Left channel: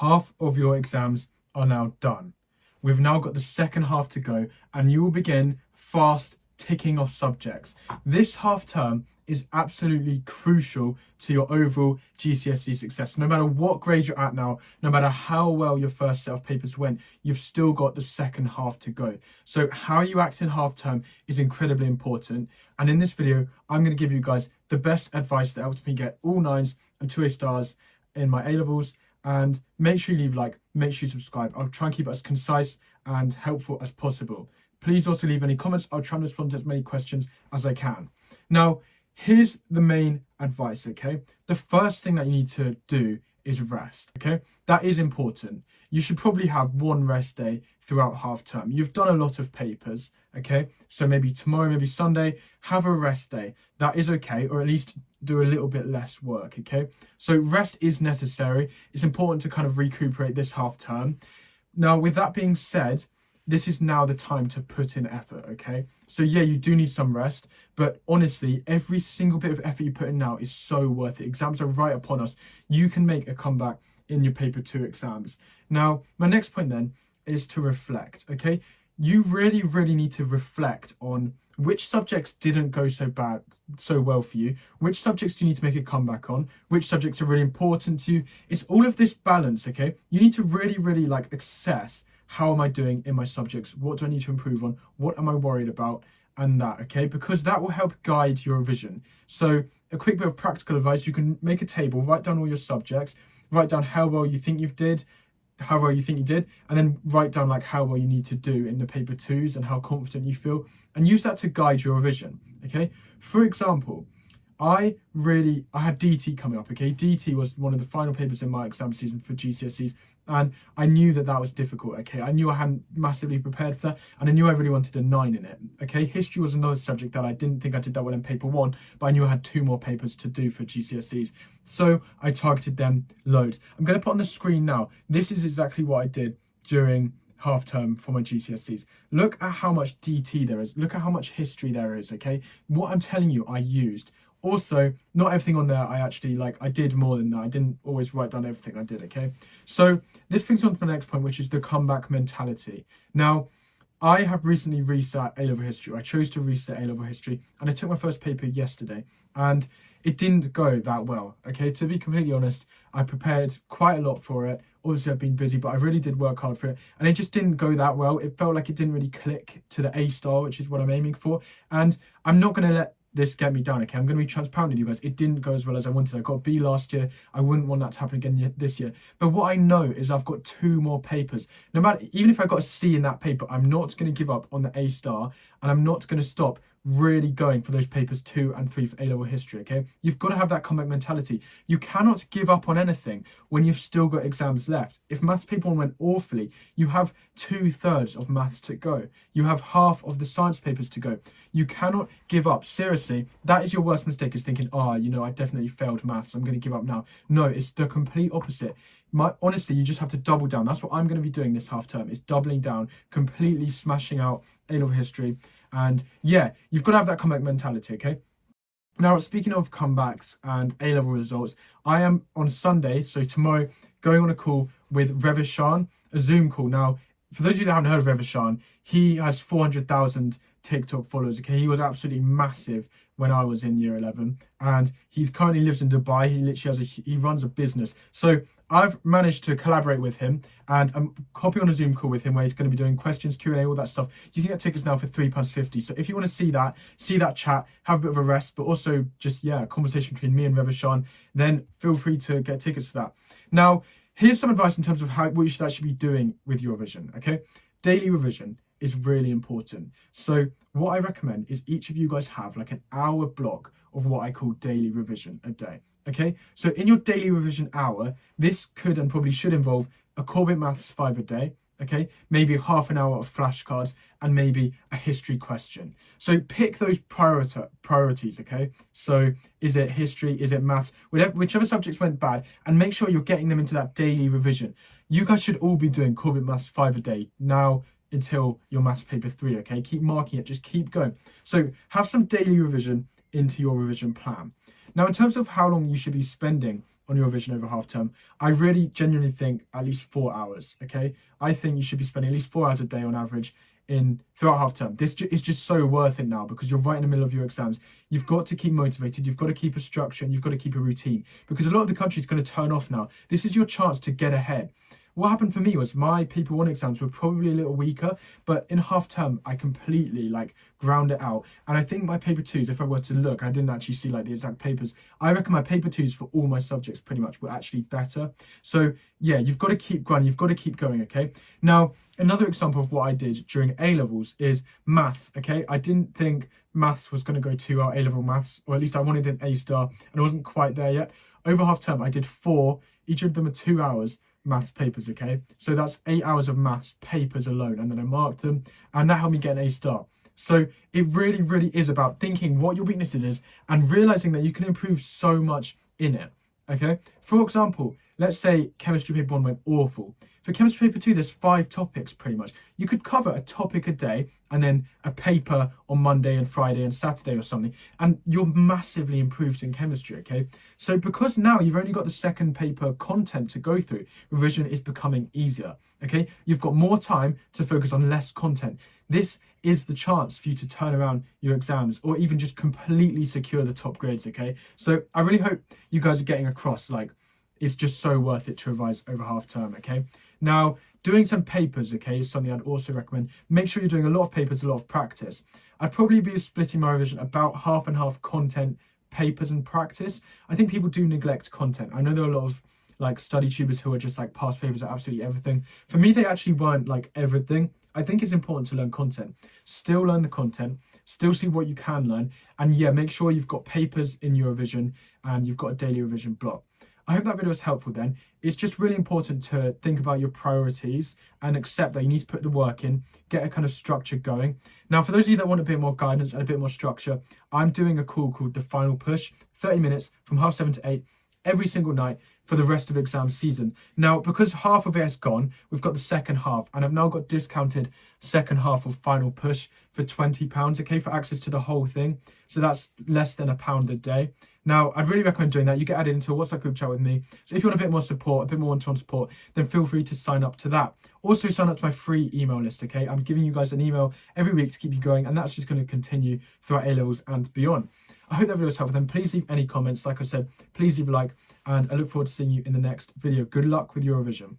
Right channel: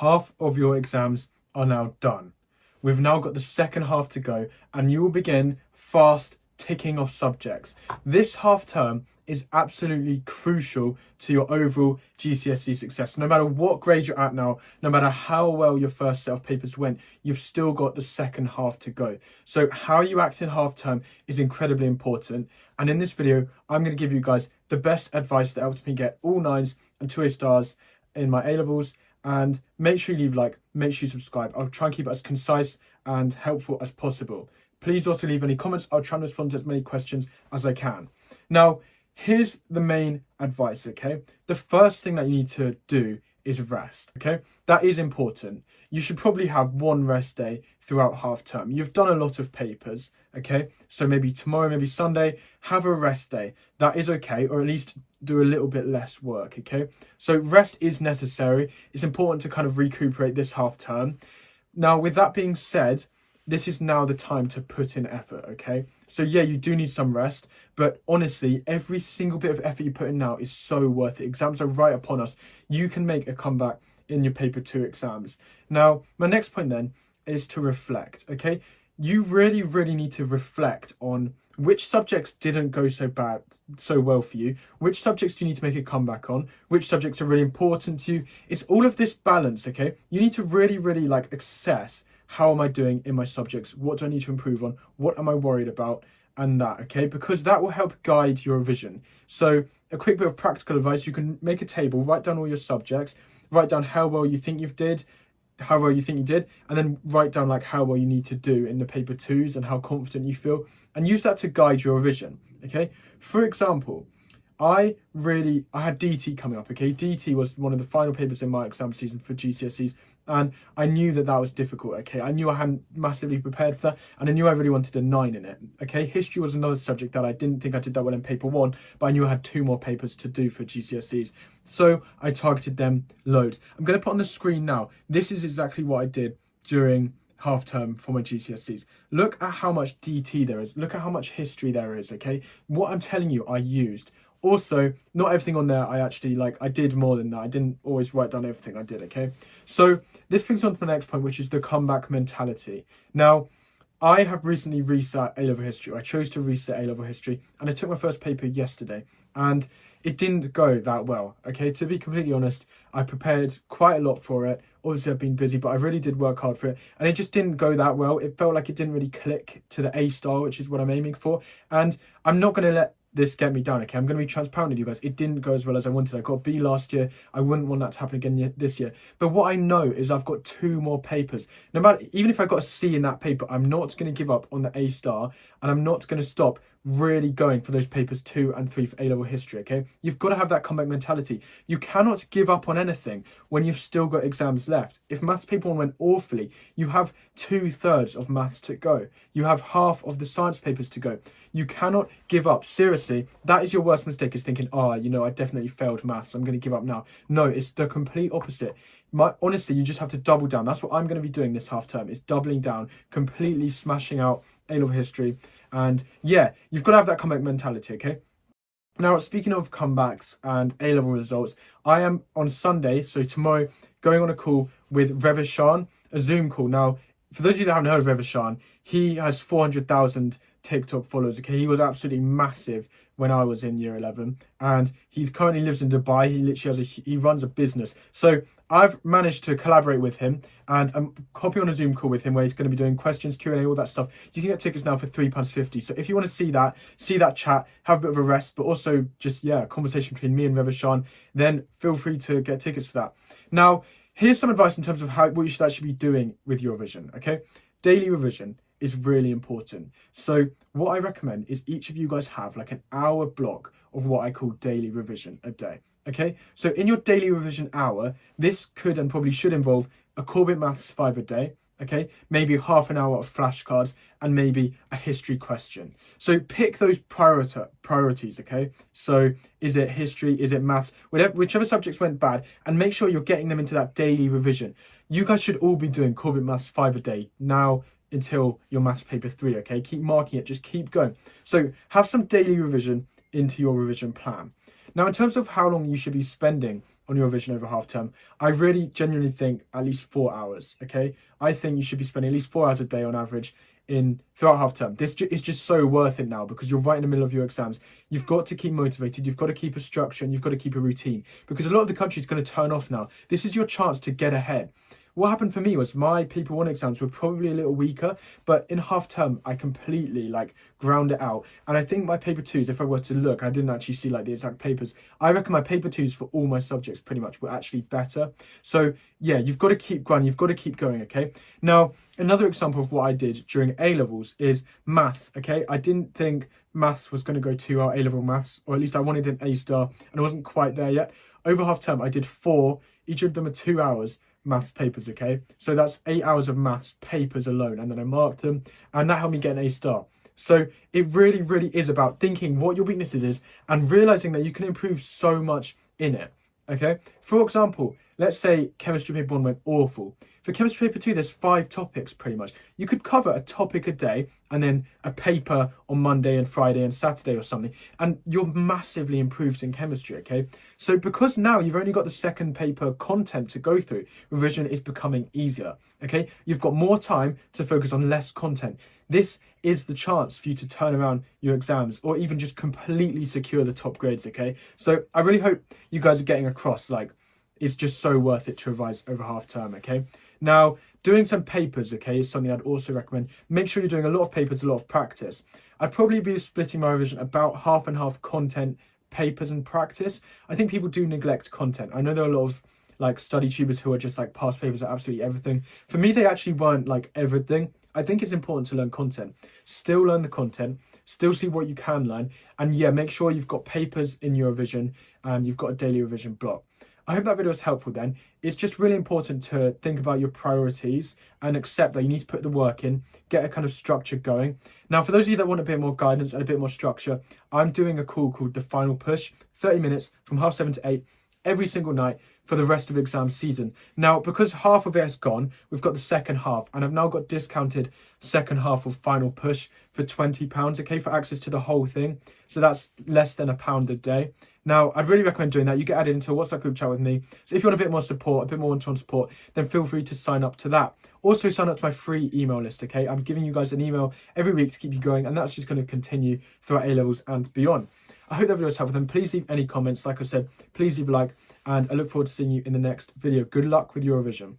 half of your exams are now done. We've now got the second half to go, and you will begin fast ticking off subjects. This half term is absolutely crucial to your overall GCSE success. No matter what grade you're at now, no matter how well your first set of papers went, you've still got the second half to go. So how you act in half term is incredibly important. And in this video, I'm going to give you guys the best advice that helped me get all 9s and 2 A stars in my A-levels. And make sure you leave a like, make sure you subscribe. I'll try and keep it as concise and helpful as possible. Please also leave any comments. I'll try and respond to as many questions as I can. Now, here's the main advice, okay? The first thing that you need to do is rest, okay? That is important. You should probably have one rest day throughout half term. You've done a lot of papers, okay? So maybe tomorrow, maybe Sunday, have a rest day. That is okay, or at least do a little bit less work, okay? So rest is necessary. It's important to kind of recuperate this half term. Now, with that being said, this is now the time to put in effort, okay? So yeah, you do need some rest, but honestly, every single bit of effort you put in now is so worth it. Exams are right upon us. You can make a comeback in your paper 2 exams. Now, my next point then is to reflect, okay? You really, really need to reflect on which subjects didn't go so well for you, which subjects do you need to make a comeback on, which subjects are really important to you. It's all of this balance, okay? You need to really, really like assess, how am I doing in my subjects? What do I need to improve on? What am I worried about? And that, okay? Because that will help guide your revision. So a quick bit of practical advice, you can make a table, write down all your subjects, write down how well you think you did, and then write down like how well you need to do in the paper 2s and how confident you feel, and use that to guide your revision, okay? For example, I had DT coming up, okay? DT was one of the final papers in my exam season for GCSEs, and I knew that was difficult, okay? I knew I hadn't massively prepared for that, and I knew I really wanted a 9 in it, okay? History was another subject that I didn't think I did that well in paper 1, but I knew I had 2 more papers to do for GCSEs, so I targeted them loads. I'm going to put on the screen now. This is exactly what I did during half term for my GCSEs. Look at how much DT there is. Look at how much history there is, okay? What I'm telling you, I used. Also, not everything on there I did more than that. I didn't always write down everything I did, okay? So this brings on to my next point, which is the comeback mentality. Now, I have recently reset A-level history. I chose to reset A-level history, and I took my first paper yesterday, and it didn't go that well, okay? To be completely honest, I prepared quite a lot for it. Obviously, I've been busy, but I really did work hard for it, and it just didn't go that well. It felt like it didn't really click to the A star, which is what I'm aiming for, and I'm not going to let this get me down, okay? I'm going to be transparent with you guys. It didn't go as well as I wanted. I got a B last year. I wouldn't want that to happen again this year. But what I know is I've got 2 more papers. No matter, even if I got a C in that paper, I'm not going to give up on the A star, and I'm not going to stop really going for those papers 2 and 3 for A-level history, okay? You've got to have that comeback mentality. You cannot give up on anything when you've still got exams left. If maths paper 1 went awfully, you have 2/3 of maths to go. You have half of the science papers to go. You cannot give up. Seriously, that is your worst mistake, is thinking, I definitely failed maths. I'm going to give up now. No, it's the complete opposite. Honestly, you just have to double down. That's what I'm going to be doing this half term, is doubling down, completely smashing out A-level history. And yeah, you've got to have that comeback mentality, okay? Now, speaking of comebacks and A-level results, I am on Sunday, so tomorrow, going on a call with Revishan, a Zoom call. Now, for those of you that haven't heard of Revishan, he has 400,000 TikTok followers, okay? He was absolutely massive when I was in year 11, and he currently lives in Dubai. He literally he runs a business. So I've managed to collaborate with him, and I'm hopping on a Zoom call with him where he's going to be doing questions, Q&A, all that stuff. You can get tickets now for £3.50. So if you want to see that chat, have a bit of a rest, but also just, a conversation between me and Revishan, then feel free to get tickets for that. Now, here's some advice in terms of what you should actually be doing with your revision, okay? Daily revision is really important. So what I recommend is each of you guys have like an hour block of what I call daily revision a day. Okay, so in your daily revision hour, this could and probably should involve a core bit maths 5 a day, okay, maybe half an hour of flashcards, and maybe a history question. So pick those priorities, okay? So is it history, is it maths, whichever subjects went bad, and make sure you're getting them into that daily revision. You guys should all be doing core bit maths 5 a day now until your maths paper 3, okay? Keep marking it, just keep going. So have some daily revision into your revision plan. Now, in terms of how long you should be spending on your revision over half term, I really genuinely think at least 4 hours, okay? I think you should be spending at least 4 hours a day on average throughout half term. This is just so worth it now because you're right in the middle of your exams. You've got to keep motivated, you've got to keep a structure, and you've got to keep a routine because a lot of the country is going to turn off now. This is your chance to get ahead. What happened for me was my paper 1 exams were probably a little weaker, but in half term I completely ground it out. And I think my paper 2s, if I were to look, I didn't actually see the exact papers. I reckon my paper 2s for all my subjects pretty much were actually better. So yeah, you've got to keep grinding, you've got to keep going, okay? Now, another example of what I did during A-levels is maths, okay? I didn't think maths was going to go too well, A-level maths, or at least I wanted an A star, and I wasn't quite there yet. Over half term, I did 4, each of them are 2 hours, maths papers, okay? So that's 8 hours of maths papers alone, and then I marked them, and that helped me get an A star. So it really, really is about thinking what your weaknesses is and realizing that you can improve so much in it, okay? For example, let's say chemistry paper 1 went awful. For chemistry paper 2, there's 5 topics pretty much. You could cover a topic a day and then a paper on Monday and Friday and Saturday or something, and you're massively improved in chemistry, okay? So because now you've only got the second paper content to go through, revision is becoming easier, okay? You've got more time to focus on less content. This is the chance for you to turn around your exams or even just completely secure the top grades, okay? So I really hope you guys are getting across, it's just so worth it to revise over half term, okay? Now, doing some papers, okay, is something I'd also recommend. Make sure you're doing a lot of papers, a lot of practice. I'd probably be splitting my revision about half and half content, papers and practice. I think people do neglect content. I know there are a lot of study tubers who are just past papers at absolutely everything. For me, they actually weren't everything. I think it's important to learn content. Still learn the content, still see what you can learn, and yeah, make sure you've got papers in your revision and you've got a daily revision block. I hope that video was helpful then. It's just really important to think about your priorities and accept that you need to put the work in, get a kind of structure going. Now, for those of you that want a bit more guidance and a bit more structure, I'm doing a call called The Final Push, 30 minutes from 7:30 to 8 every single night for the rest of exam season. Now, because half of it has gone, we've got the second half, and I've now got discounted second half of Final Push for £20, okay, for access to the whole thing. So that's less than £1 a day. Now, I'd really recommend doing that. You get added into a WhatsApp group chat with me. So if you want a bit more support, a bit more one-to-one support, then feel free to sign up to that. Also, sign up to my free email list, okay? I'm giving you guys an email every week to keep you going, and that's just going to continue throughout A-levels and beyond. I hope that video was helpful. Then please leave any comments. Like I said, please leave a like, and I look forward to seeing you in the next video. Good luck with your revision.